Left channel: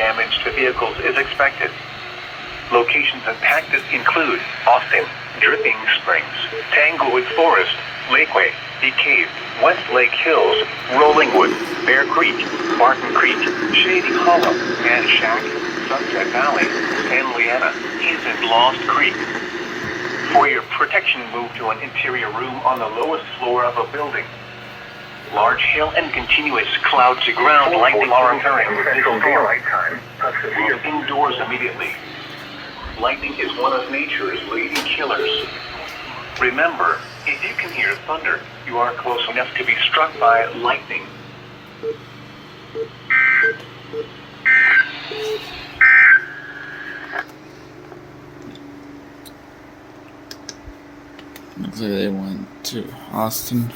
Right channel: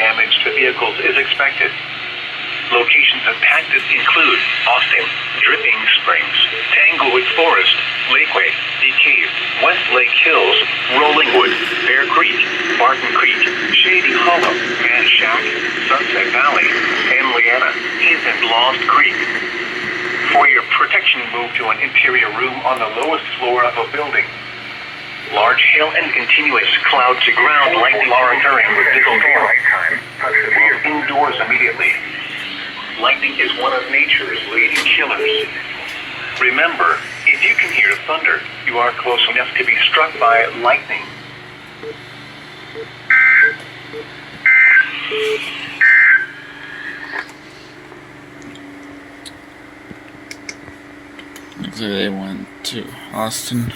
damage to vehicles is expected. Locations impacted include Austin, Dripping Springs, Tanglewood Forest, Lakeway, The Cave, West Lake Hills, Rolling Wood, Bear Creek, Barton Creek, Shady Hollow, Man Shack, Sunset Valley, San Leanna, and Lost Creek. For your protection, move to an interior room on the lowest floor of a building. Large hail and continuous cloud-to-ground lightning are occurring with this storm. Move indoors immediately. Lightning is one of nature's leading killers. Remember, if you can hear thunder, you are close enough to be struck by lightning. Looks like they went to Austin.